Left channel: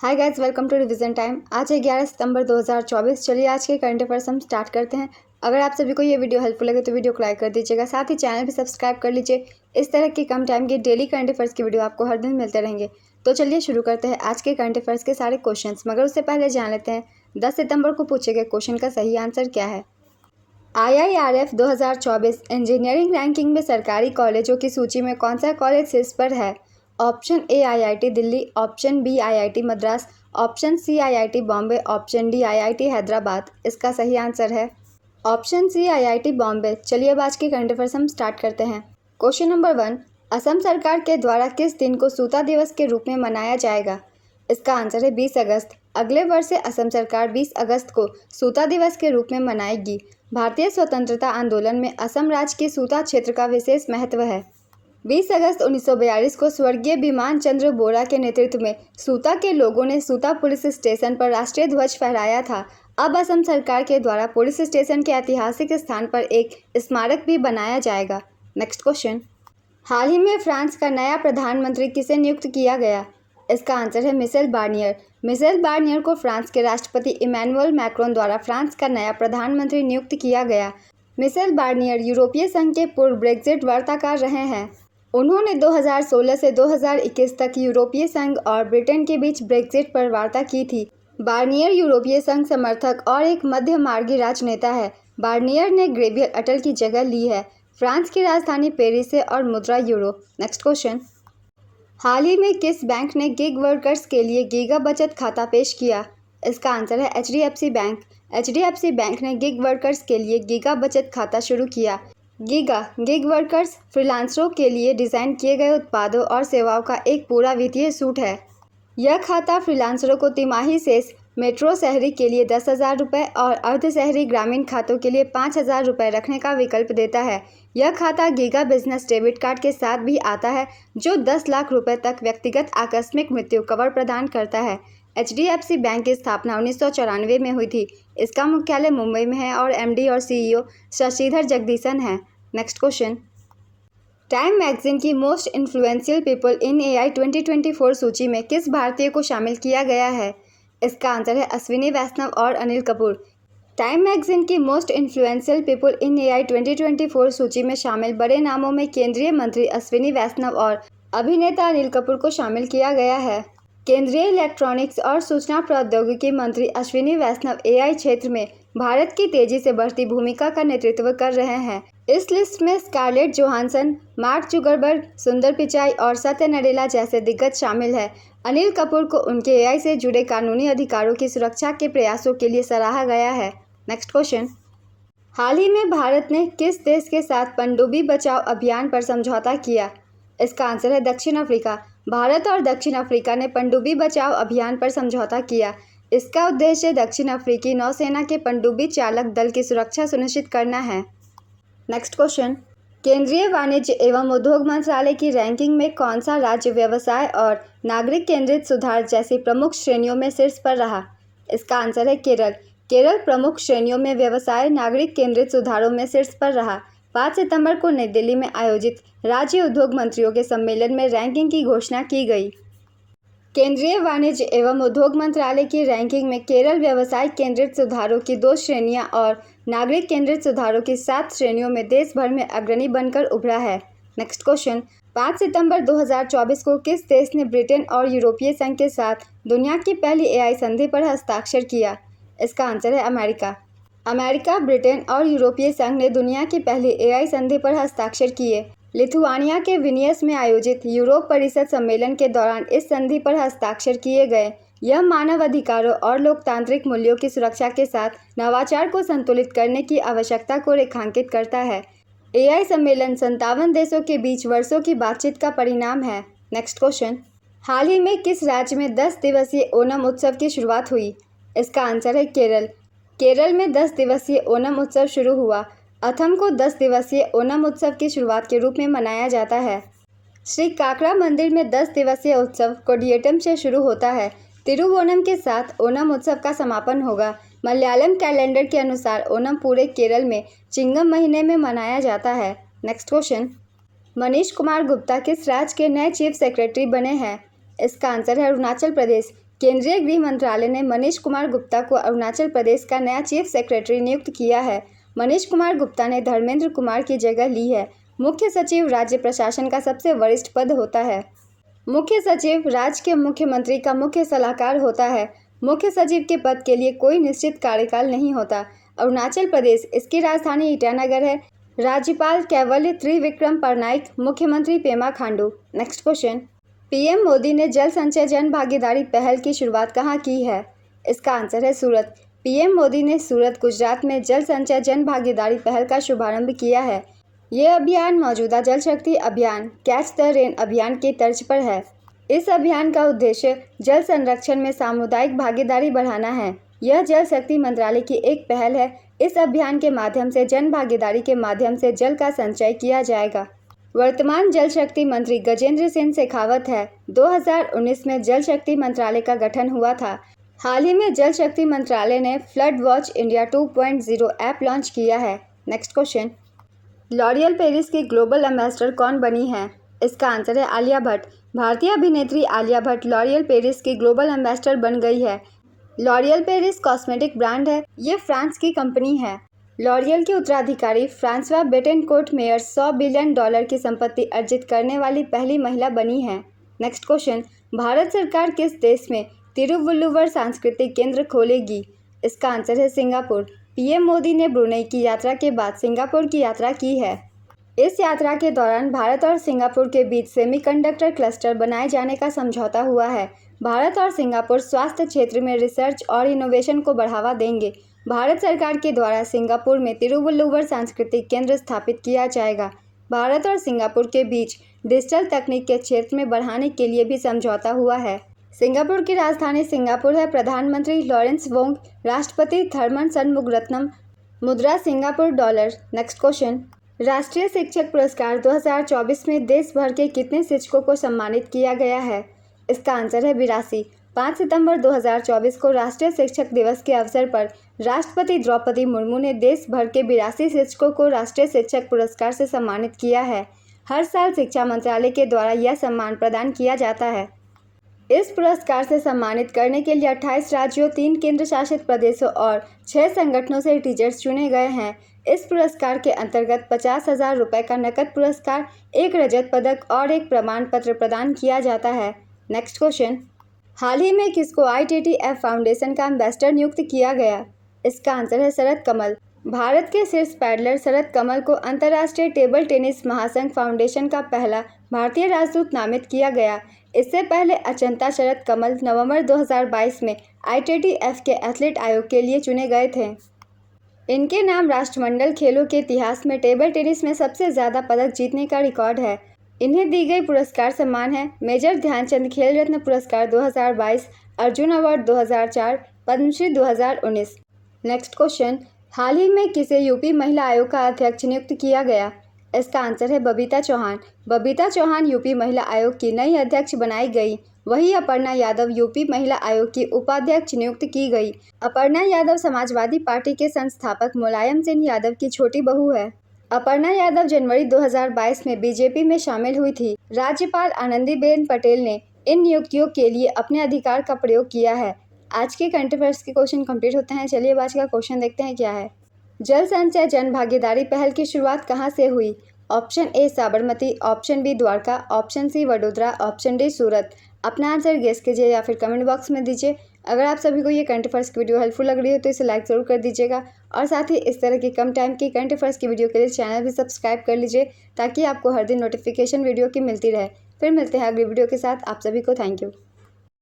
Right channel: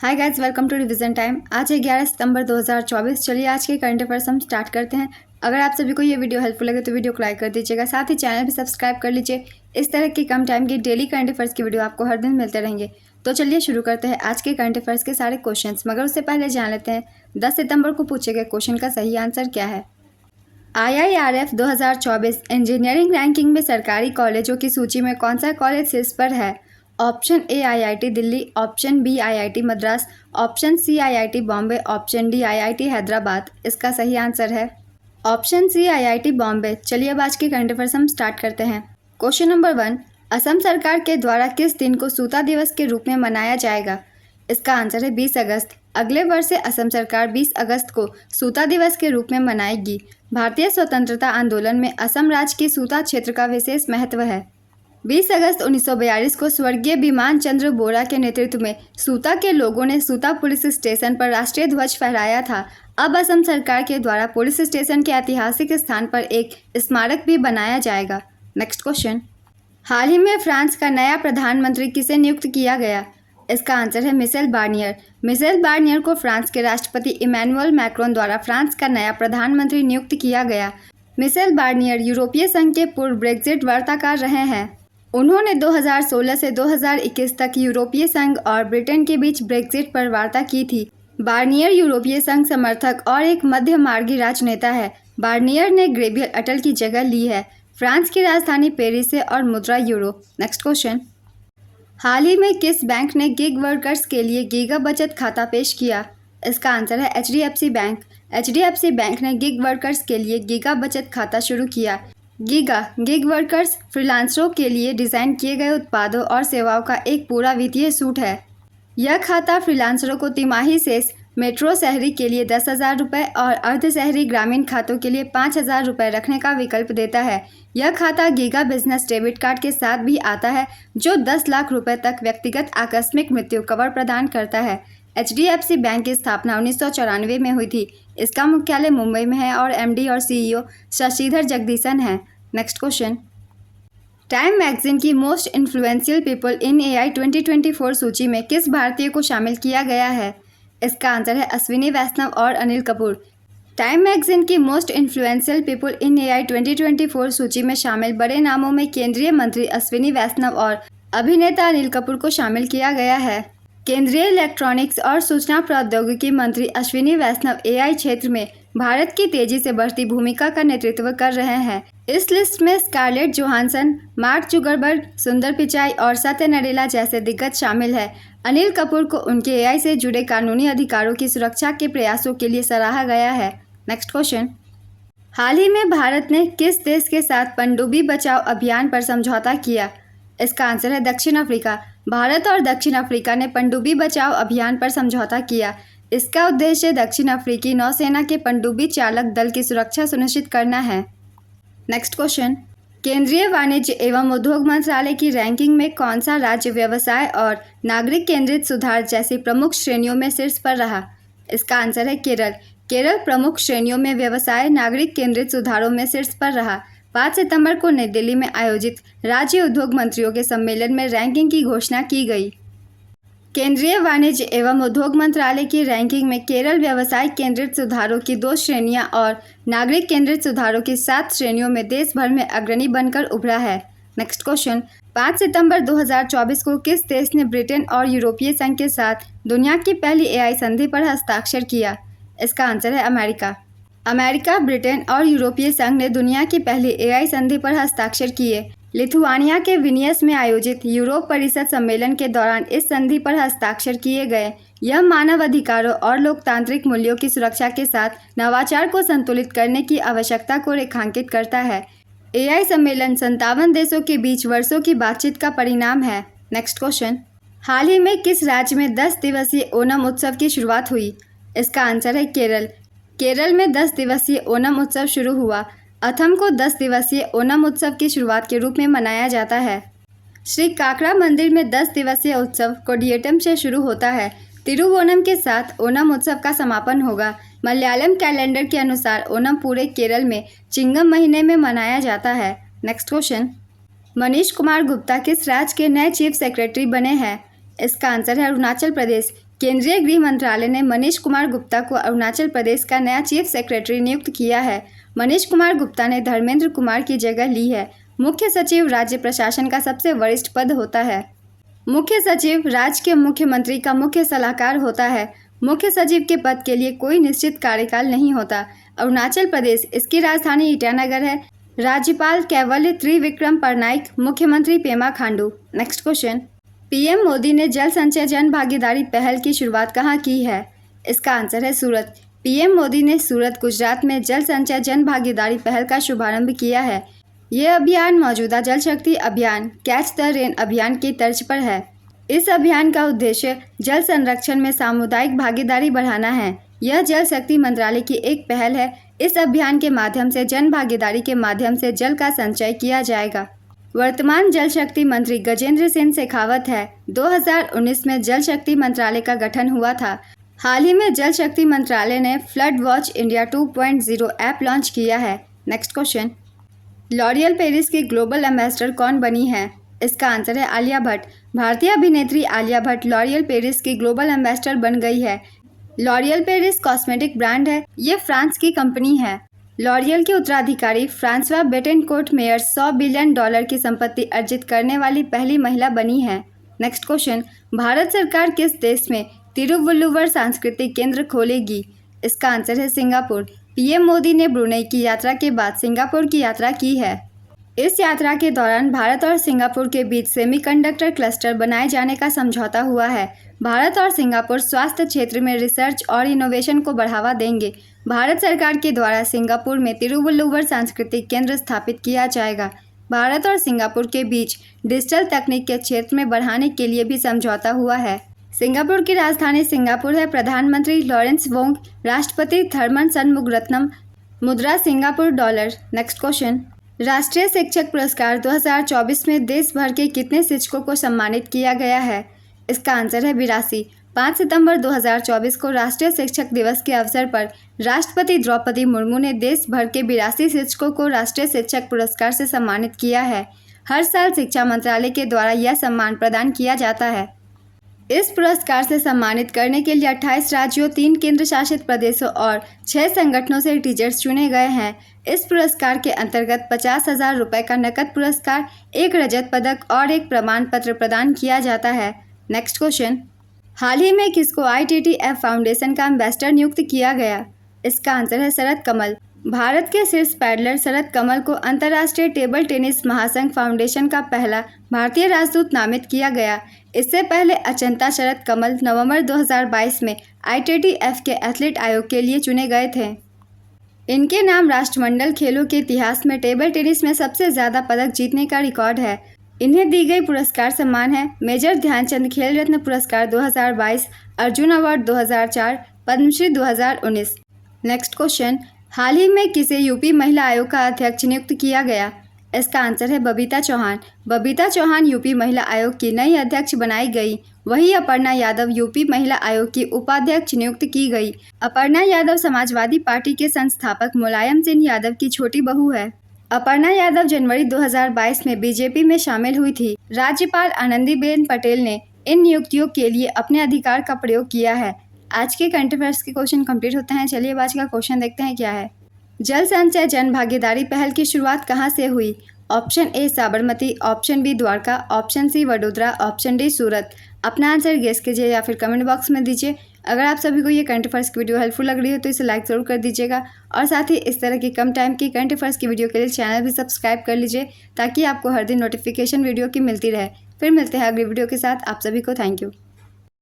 Hi guys, welcome to revision time. आज है 11 सितंबर 2024। चलिए आज के करंट अफेयर्स हम स्टार्ट करते हैं। अगर आप सभी को ये वीडियो हेल्पफुल लगे तो वीडियो को लाइक कर दीजिएगा, साथ ही चैनल भी सब्सक्राइब कर लीजिए। इस तरह की कम टाइम की डेली करंट अफेयर्स की वीडियो आपको हर दिन मिलते रहेंगे। तो चलिए शुरू करते हैं आज के करंट अफेयर्स के सारे क्वेश्चन, मगर उससे पहले जान लेते हैं 10 सितंबर को पूछे गए क्वेश्चन का सही आंसर क्या है। IIRF 2024 इंजीनियरिंग रैंकिंग में सरकारी कॉलेजों की सूची में कौन सा कॉलेज शीर्ष पर है। Option A IIT Delhi, option B IIT Madras, option C IIT Bombay, option D IIT Hyderabad. इसका सही आंसर है ऑप्शन सी IIT बॉम्बे। चलिए अब आज के करंट अफेयर्स हम स्टार्ट करते हैं। क्वेश्चन नंबर 1, असम सरकार के द्वारा किस दिन को सूता दिवस के रूप में मनाया जाएगा। इसका आंसर है 20 अगस्त। अगले वर्ष से असम सरकार 20 अगस्त को सूता दिवस के रूप में मनाएगी। भारतीय स्वतंत्रता आंदोलन में असम राज्य के सूता क्षेत्र का विशेष महत्व है। 20 अगस्त 1942 को स्वर्गीय बिमान चंद्र बोरा के नेतृत्व में सूता के लोगों ने सूता पुलिस स्टेशन पर राष्ट्रीय ध्वज फहराया था। अब असम सरकार के द्वारा पुलिस स्टेशन के ऐतिहासिक स्थान पर एक स्मारक भी बनाया जाएगा। नेक्स्ट क्वेश्चन, हाल ही में फ्रांस का नया प्रधानमंत्री किसे नियुक्त किया गया। इसका आंसर है मिशेल बार्नियर। मिशेल बार्नियर को फ्रांस के राष्ट्रपति इमैनुअल मैक्रोन द्वारा फ्रांस का नया प्रधानमंत्री नियुक्त किया गया। मिशेल बार्नियर यूरोपीय संघ के पूर्व ब्रेक्जिट वार्ताकार रहे हैं। उन्होंने 2016 से 2021 तक यूरोपीय संघ और ब्रिटेन के बीच ब्रेक्जिट पर वार्ता की थी। बार्नियर यूरोपीय संघ समर्थक और एक मध्य मार्गी राजनेता है। बार्नियर ने गैब्रियल अटल की जगह ली है। फ्रांस की राजधानी पेरिस है और मुद्रा यूरो। नेक्स्ट क्वेश्चन, हाल ही में किस बैंक ने गिग वर्कर्स के लिए गीगा बचत खाता पेश किया। इसका आंसर है HDFC बैंक। HDFC बैंक ने गिग वर्कर्स के लिए गीगा बचत खाता शुरू किया। गीगा गिग वर्कर्स फ्रीलांसरों के लिए डिज़ाइन किए गए उत्पादों और सेवाओं का एक पूरा वित्तीय सूट है। यह खाता फ्रीलांसरों को तिमाही शेष मेट्रो शहरी के लिए 10,000 रुपये और अर्ध शहरी ग्रामीण खातों के लिए 5,000 रुपये रखने का विकल्प देता है। यह खाता गीगा बिजनेस डेबिट कार्ड के साथ भी आता है, जो 10 लाख रुपए तक व्यक्तिगत आकस्मिक मृत्यु कवर प्रदान करता है। HDFC बैंक की स्थापना 1994 में हुई थी। इसका मुख्यालय मुंबई में है और MD और CEO शशिधर जगदीशन है। नेक्स्ट क्वेश्चन, टाइम मैगजीन की most influential people in AI 2024 सूची में किस भारतीय को शामिल किया गया है। इसका आंसर है अश्विनी वैष्णव और अनिल कपूर। टाइम मैगजीन की most influential people in AI 2024 सूची में शामिल बड़े नामों में केंद्रीय मंत्री अश्विनी वैष्णव और अभिनेता अनिल कपूर को शामिल किया गया है। केंद्रीय इलेक्ट्रॉनिक्स और सूचना प्रौद्योगिकी मंत्री अश्विनी वैष्णव AI क्षेत्र में भारत की तेजी से बढ़ती भूमिका का नेतृत्व कर रहे हैं। इस लिस्ट में स्कारलेट जोहानसन, मार्क जुगरबर्ग, सुंदर पिचाई और सत्य नडेला जैसे दिग्गज शामिल है। अनिल कपूर को उनके AI से जुड़े कानूनी अधिकारों की सुरक्षा के प्रयासों के लिए सराहा गया है। नेक्स्ट क्वेश्चन, हाल ही में भारत ने किस देश के साथ पनडुब्बी बचाओ अभियान पर समझौता किया। इसका आंसर है दक्षिण अफ्रीका। भारत और दक्षिण अफ्रीका ने पनडुब्बी बचाओ अभियान पर समझौता किया। इसका उद्देश्य दक्षिण अफ्रीकी नौसेना के पनडुब्बी चालक दल की सुरक्षा सुनिश्चित करना है। नेक्स्ट क्वेश्चन, केंद्रीय वाणिज्य एवं उद्योग मंत्रालय की रैंकिंग में कौन सा राज्य व्यवसाय और नागरिक केंद्रित सुधार जैसी प्रमुख श्रेणियों में शीर्ष पर रहा। इसका आंसर है केरल। केरल प्रमुख श्रेणियों में व्यवसाय नागरिक केंद्रित सुधारों में शीर्ष पर रहा। 5 सितंबर को नई दिल्ली में आयोजित राज्य उद्योग मंत्रियों के सम्मेलन में रैंकिंग की घोषणा की गई। केंद्रीय वाणिज्य एवं उद्योग मंत्रालय की रैंकिंग में केरल व्यवसाय केंद्रित सुधारों की 2 श्रेणियां और नागरिक केंद्रित सुधारों की 7 श्रेणियों में देश भर में अग्रणी बनकर उभरा है। नेक्स्ट क्वेश्चन, 5 सितंबर 2024 को किस देश ने ब्रिटेन और यूरोपीय संघ के साथ दुनिया की पहली AI संधि पर हस्ताक्षर किया। इसका आंसर है अमेरिका। अमेरिका, ब्रिटेन और यूरोपीय संघ ने दुनिया की पहली AI संधि पर हस्ताक्षर किए। लिथुआनिया के विनियस में आयोजित यूरोप परिषद सम्मेलन के दौरान इस संधि पर हस्ताक्षर किए गए। यह मानव अधिकारों और लोकतांत्रिक मूल्यों की सुरक्षा के साथ नवाचार को संतुलित करने की आवश्यकता को रेखांकित करता है। AI सम्मेलन 57 देशों के बीच वर्षों की बातचीत का परिणाम है। नेक्स्ट क्वेश्चन, हाल ही में किस राज्य में 10 दिवसीय ओणम उत्सव की शुरुआत हुई। इसका आंसर है केरल। केरल में 10 दिवसीय ओणम उत्सव शुरू हुआ। अथम को 10 दिवसीय ओणम उत्सव की शुरुआत के रूप में मनाया जाता है। श्री काकड़ा मंदिर में 10 दिवसीय उत्सव कोडियट्टम से शुरू होता है। तिरुवोणम के साथ ओणम उत्सव का समापन होगा। मलयालम कैलेंडर के अनुसार ओणम पूरे केरल में चिंगम महीने में मनाया जाता है। नेक्स्ट क्वेश्चन, मनीष कुमार गुप्ता किस राज्य के नए चीफ सेक्रेटरी बने हैं। इसका आंसर है अरुणाचल प्रदेश। केंद्रीय गृह मंत्रालय ने मनीष कुमार गुप्ता को अरुणाचल प्रदेश का नया चीफ सेक्रेटरी नियुक्त किया है। मनीष कुमार गुप्ता ने धर्मेंद्र कुमार की जगह ली है। मुख्य सचिव राज्य प्रशासन का सबसे वरिष्ठ पद होता है। मुख्य सचिव राज्य के मुख्यमंत्री का मुख्य सलाहकार होता है। मुख्य सचिव के पद के लिए कोई निश्चित कार्यकाल नहीं होता। अरुणाचल प्रदेश, इसकी राजधानी ईटानगर है। राज्यपाल कैवल्य त्रिविक्रम परनाइक, मुख्यमंत्री Pema Khandu. Next question, PM Modi ने जल संचय जन भागीदारी पहल की शुरुआत कहाँ की है? इसका आंसर है सूरत। पीएम मोदी ने सूरत, गुजरात में जल संचय जन भागीदारी पहल का शुभारंभ किया है। ये अभियान मौजूदा जल शक्ति अभियान कैच द रेन अभियान की तर्ज पर है। इस अभियान का उद्देश्य जल संरक्षण में सामुदायिक भागीदारी बढ़ाना है। यह जल शक्ति मंत्रालय की एक पहल है। इस अभियान के माध्यम से जन भागीदारी के माध्यम से जल का संचय किया जाएगा। वर्तमान जल शक्ति मंत्री गजेंद्र सिंह शेखावत है। 2019 में जल शक्ति मंत्रालय का गठन हुआ था। हाल ही में जल शक्ति मंत्रालय ने flood watch India 2.0 app launch किया है। नेक्स्ट क्वेश्चन, लॉरियल पेरिस की ग्लोबल एम्बेसडर कौन बनी है? इसका आंसर है आलिया भट्ट। भारतीय अभिनेत्री आलिया भट्ट लॉरियल पेरिस की ग्लोबल एम्बेसडर बन गई है। लॉरियल पेरिस कॉस्मेटिक ब्रांड है। ये फ्रांस की कंपनी है। लॉरियल के उत्तराधिकारी फ्रांसवा बेटेनकोर्ट मेयर $100 बिलियन की संपत्ति अर्जित करने वाली पहली महिला बनी है। नेक्स्ट क्वेश्चन, भारत सरकार किस देश में तिरुवल्लुवर सांस्कृतिक केंद्र खोलेगी? इसका आंसर है सिंगापुर। पीएम मोदी ने ब्रुनेई की यात्रा के बाद सिंगापुर की यात्रा की है। इस यात्रा के दौरान भारत और सिंगापुर के बीच सेमीकंडक्टर क्लस्टर बनाए जाने का समझौता हुआ है। भारत और सिंगापुर स्वास्थ्य क्षेत्र में रिसर्च और इनोवेशन को बढ़ावा देंगे। भारत सरकार के द्वारा सिंगापुर में तिरुवल्लुवर सांस्कृतिक केंद्र स्थापित किया जाएगा। भारत और सिंगापुर के बीच डिजिटल तकनीक के क्षेत्र में बढ़ाने के लिए भी समझौता हुआ है। सिंगापुर की राजधानी सिंगापुर है। प्रधानमंत्री लॉरेंस वोंग, राष्ट्रपति थर्मन षणमुगरत्नम, मुद्रा सिंगापुर डॉलर। नेक्स्ट क्वेश्चन, राष्ट्रीय शिक्षक पुरस्कार 2024 में देश भर के कितने शिक्षकों को सम्मानित किया गया है? इसका आंसर है 82। 5 सितंबर 2024 को राष्ट्रीय शिक्षक दिवस के अवसर पर राष्ट्रपति द्रौपदी मुर्मू ने देश भर के 82 शिक्षकों को राष्ट्रीय शिक्षक पुरस्कार से सम्मानित किया है। हर साल शिक्षा मंत्रालय के द्वारा यह सम्मान प्रदान किया जाता है। इस पुरस्कार से सम्मानित करने के लिए 28 राज्यों, 3 केंद्र शासित प्रदेशों और 6 संगठनों से टीचर्स चुने गए हैं। इस पुरस्कार के अंतर्गत 50,000 रुपये का नकद पुरस्कार, 1 रजत पदक और 1 प्रमाण पत्र प्रदान किया जाता है। नेक्स्ट क्वेश्चन, हाल ही में किसको ITTF फाउंडेशन का एम्बेसडर नियुक्त किया गया? इसका आंसर है शरद कमल। भारत के शीर्ष पैडलर शरद कमल को अंतर्राष्ट्रीय टेबल टेनिस महासंघ फाउंडेशन का पहला भारतीय राजदूत नामित किया गया। इससे पहले अचंता शरद कमल नवंबर 2022 में ITTF के एथलीट आयोग के लिए चुने गए थे। इनके नाम राष्ट्रमंडल खेलों के इतिहास में टेबल टेनिस में सबसे ज़्यादा पदक जीतने का रिकॉर्ड है। इन्हें दी गई पुरस्कार सम्मान है मेजर ध्यानचंद खेल रत्न पुरस्कार 2022, Arjuna award 2004, Padma Shri 2019। Next question, हाल ही में किसे यूपी महिला आयोग का अध्यक्ष नियुक्त किया गया? इसका आंसर है बबीता चौहान। बबीता चौहान यूपी महिला आयोग की नई अध्यक्ष बनाई गई। वहीं अपर्णा यादव यूपी महिला आयोग की उपाध्यक्ष नियुक्त की गई। अपर्णा यादव समाजवादी पार्टी के संस्थापक मुलायम सिंह यादव की छोटी बहू है। अपर्णा यादव जनवरी 2022 में बीजेपी में शामिल हुई थी। राज्यपाल आनंदीबेन पटेल ने इन नियुक्तियों के लिए अपने अधिकार का प्रयोग किया है। आज के करंट अफेयर्स के क्वेश्चन कंप्लीट होते हैं। चलिए आज का क्वेश्चन देखते हैं क्या है। जल संचय जन भागीदारी पहल की शुरुआत कहाँ से हुई? Option A Sabarmati, option B Dwarka, option C Vadodara, option D Surat. अपना आंसर गेस कीजिए या फिर कमेंट बॉक्स में दीजिए। अगर आप सभी को ये करंट अफेयर्स की वीडियो हेल्पफुल लग रही हो तो इसे लाइक ज़रूर कर दीजिएगा और साथ ही इस तरह की कम टाइम की करंट अफेयर्स की वीडियो के लिए चैनल भी सब्सक्राइब कर लीजिए ताकि आपको हर दिन नोटिफिकेशन वीडियो की मिलती रहे। फिर मिलते हैं अगली वीडियो के साथ। आप सभी को थैंक यू।